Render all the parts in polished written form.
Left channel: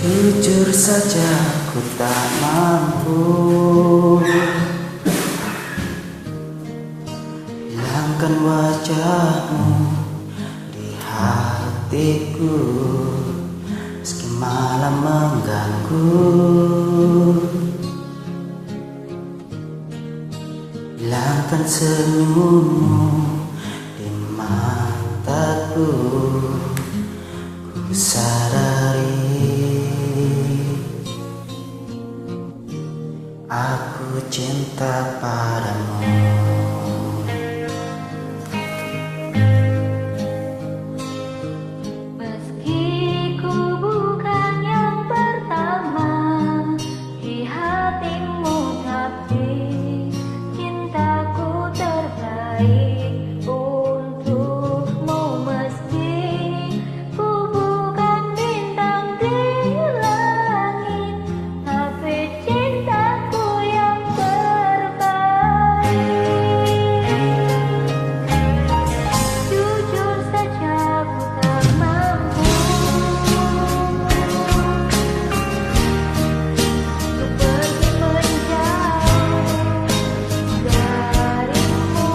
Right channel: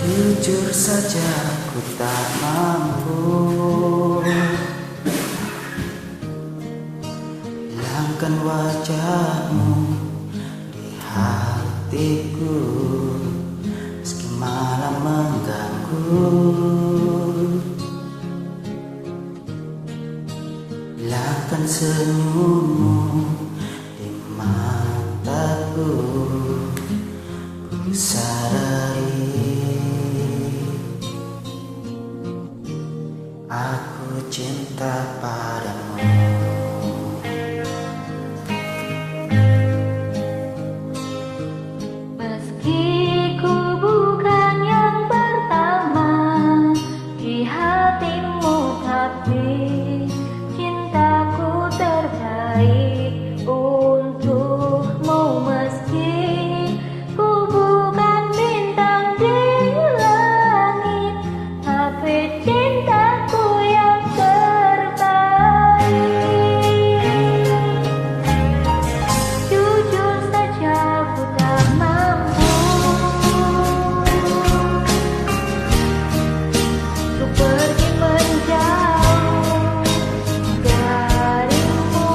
Jujur saja ku tak mampu hilangkan wajahmu di hatiku, meski malam mengganggu. Hilangkan senyummu di mataku, ku sadari aku cinta padamu. Meski ku bukan yang pertama di hatimu, tapi cintaku terbaik untukmu. Meski ku bukan bintang di langit, tapi cintaku yang terbaik. Jujur saja ku tak mampu untuk pergi menjauh darimu,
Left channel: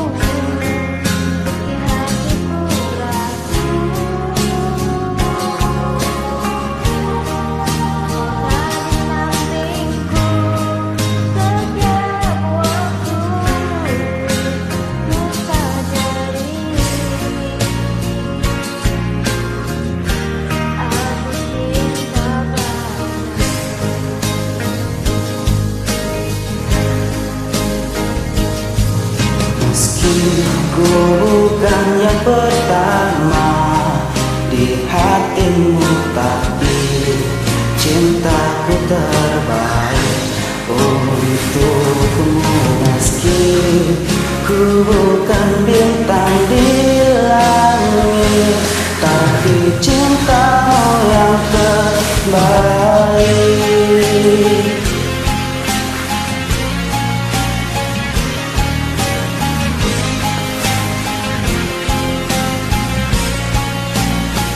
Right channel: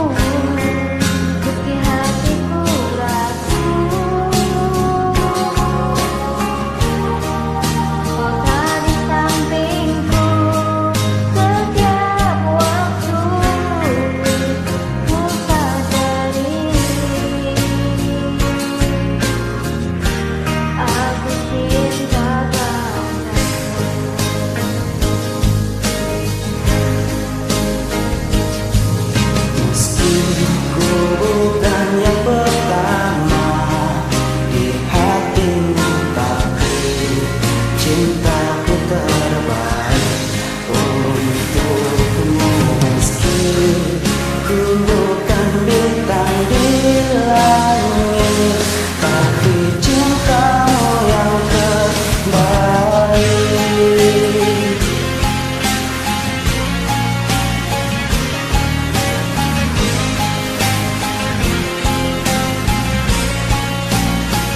meski hatiku ragu. Kau tak di sampingku setiap waktu, ku sadari aku cinta padamu. Meski ku bukan yang pertama di hatimu, tapi cintaku terbaik untukmu. Meski ku bukan bintang di langit, tapi cintamu yang terbaik.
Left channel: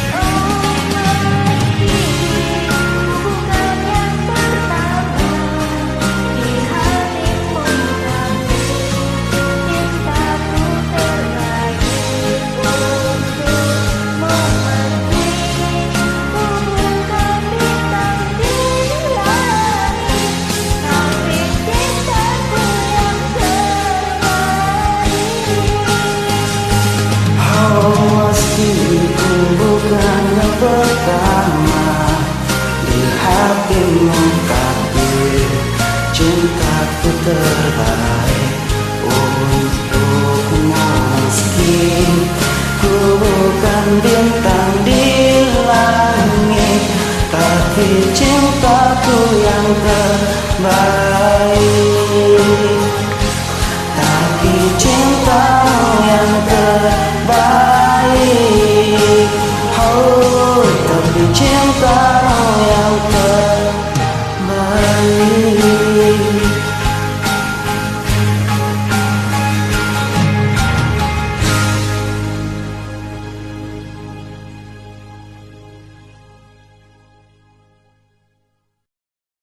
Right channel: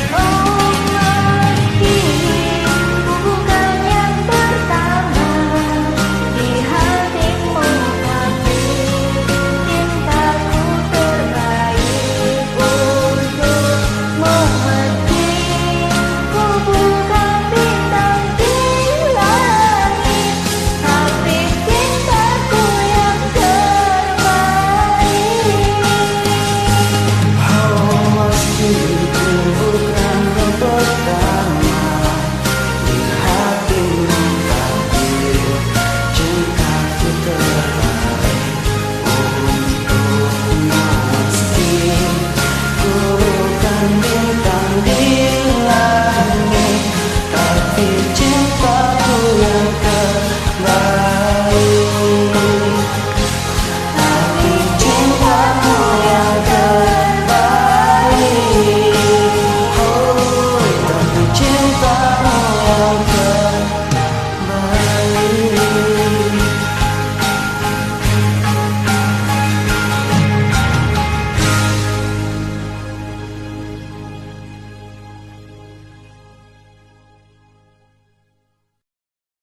Oh, meski ku bukan yang pertama di hatimu, tapi cintaku terbaik untukmu. Meski ku bukan bintang di langit, tapi cintaku yang terbaik. Oh, meski ku bukan yang pertama di hatimu, tapi cintaku terbaik untukmu. Meski ku bukan bintang di langit, tapi cintaku yang terbaik. Tapi cinta